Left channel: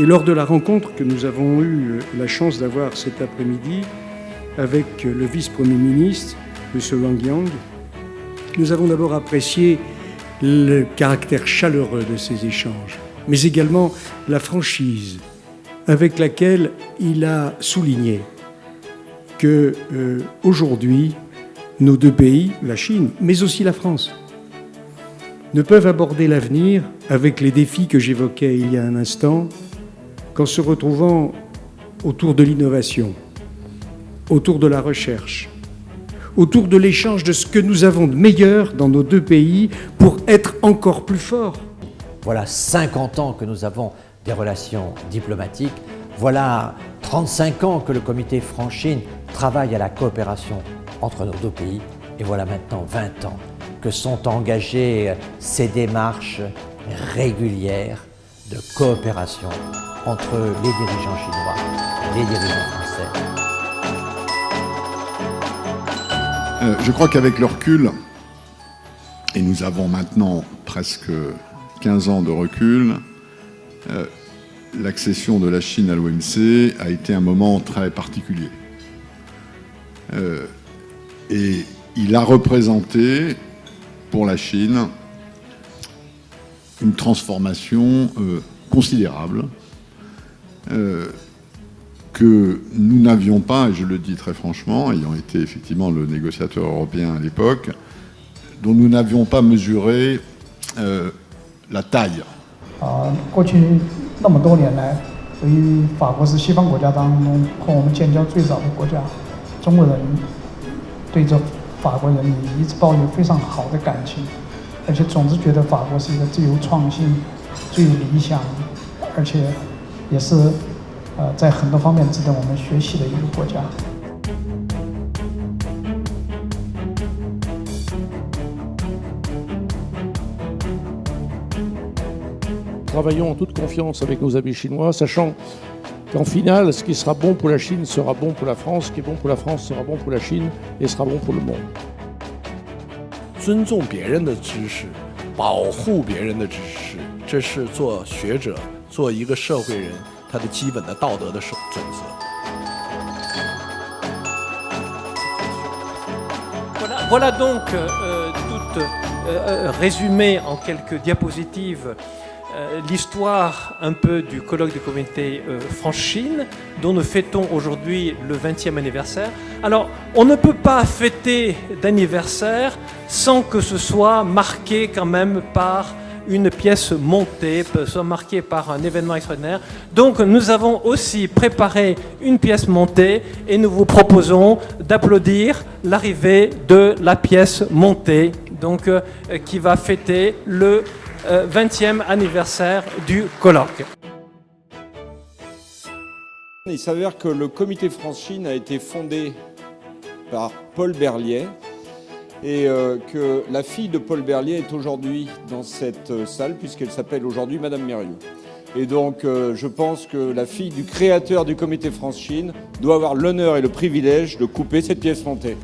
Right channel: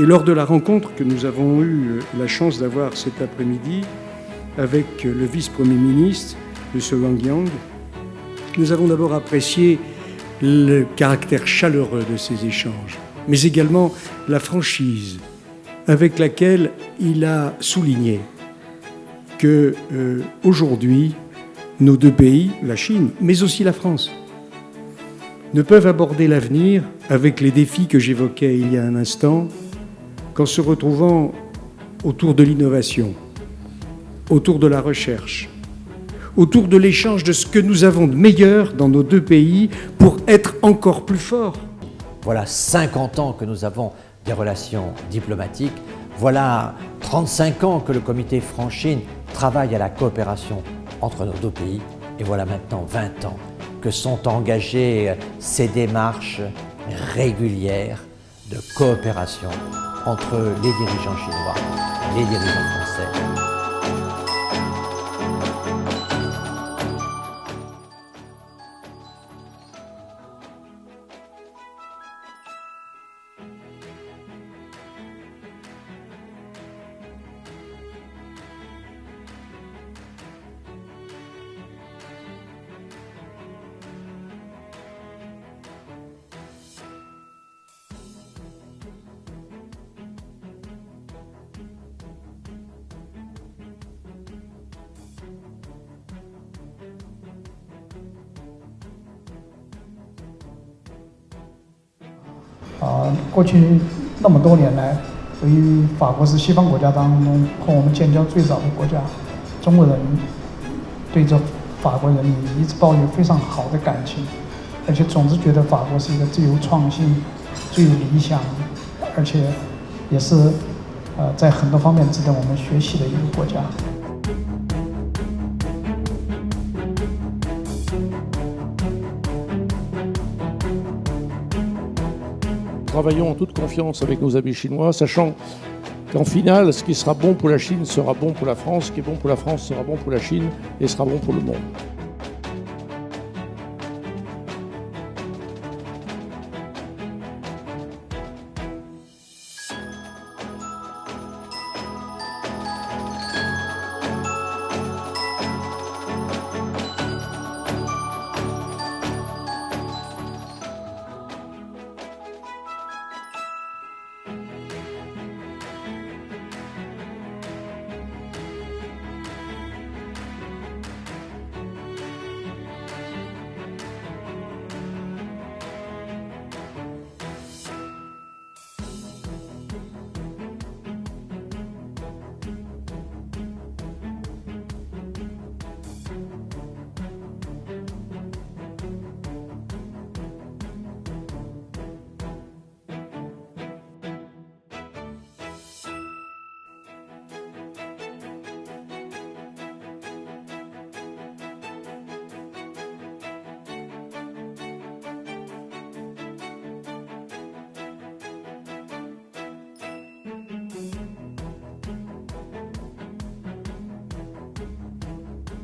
Et lors de la rencontre que nous avons eu la chance d'avoir cet après-midi avec le vice-premier ministre, M. Wang Yang, nous avons d'abord apprécié le caractère chaleureux de ces échanges, mais également la franchise avec laquelle il a souligné que aujourd'hui, nos deux pays, la Chine, mais aussi la France, ne peuvent aborder l'avenir avec les défis que j'évoquais il y a un instant, qu'en se retrouvant autour de l'innovation, autour de la recherche, autour de l'échange de ce que nous avons de meilleur dans nos deux pays pour être encore plus forts. Voilà 50 ans que nous avons des relations diplomatiques. Voilà 35 ans que le comité France-Chine travaille à la coopération entre nos deux pays. Et voilà maintenant 20 ans que sont engagées ces démarches régulières de coopération entre les dirigeants chinois et les dirigeants français. Je crois qu'avec le recul, et nous avons maintenant presque 15 ans de recul, l'accession de la Chine à l'OMC a été un moment très particulier. Et il a représenté pour la Chine une transformation considérable que nous n'avions pas, et je le dis très franchement, ayant été effectivement le négociateur européen à l'époque, dont nous n'avions pas mesuré la taille. 过去那么多年来，由于法国是西方国家当中和我们建交最早的国家，中国人对这法国人民一直抱有非常好的感情，而且总是觉得法国是一个最有创新、最有理想，而且也是在很多方面值得我们学习的一个国家。 Travaillons en toute confiance avec nos amis chinois, sachant qu'en finale, ce qui sera bon pour la Chine sera bon pour la France, ce qui est bon pour la France sera bon pour la Chine et sera bon pour le monde. 尊重别人的知识，保护别人的知识，这是做学者、做一个社会人他的基本的道德的准则。 Voilà donc tout résumé en quelques diapositives l'histoire un peu du colloque du comité France-Chine dont nous fêtons aujourd'hui le 20e anniversaire. Alors, on ne peut pas fêter d'anniversaire sans que ce soit marqué quand même par une pièce montée, soit marquée par un événement extraordinaire. Donc nous avons aussi préparé une pièce montée et nous vous proposons d'applaudir l'arrivée de la pièce montée, donc, qui va fêter le 20e anniversaire du colloque. Il s'avère que le comité France-Chine a été fondé par Paul Berliet et que la fille de Paul Berliet est aujourd'hui dans cette salle puisqu'elle s'appelle aujourd'hui Madame Mérieux. Et donc je pense que la fille du créateur du comité France-Chine doit avoir l'honneur et le privilège de couper cette pièce montée.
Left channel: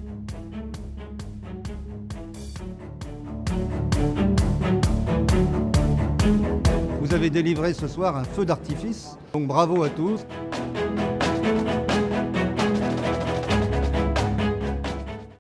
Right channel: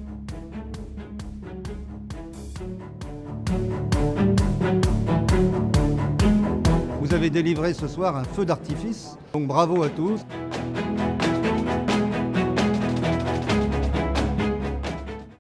Vous avez délivré ce soir un feu d'artifice, donc bravo à tous.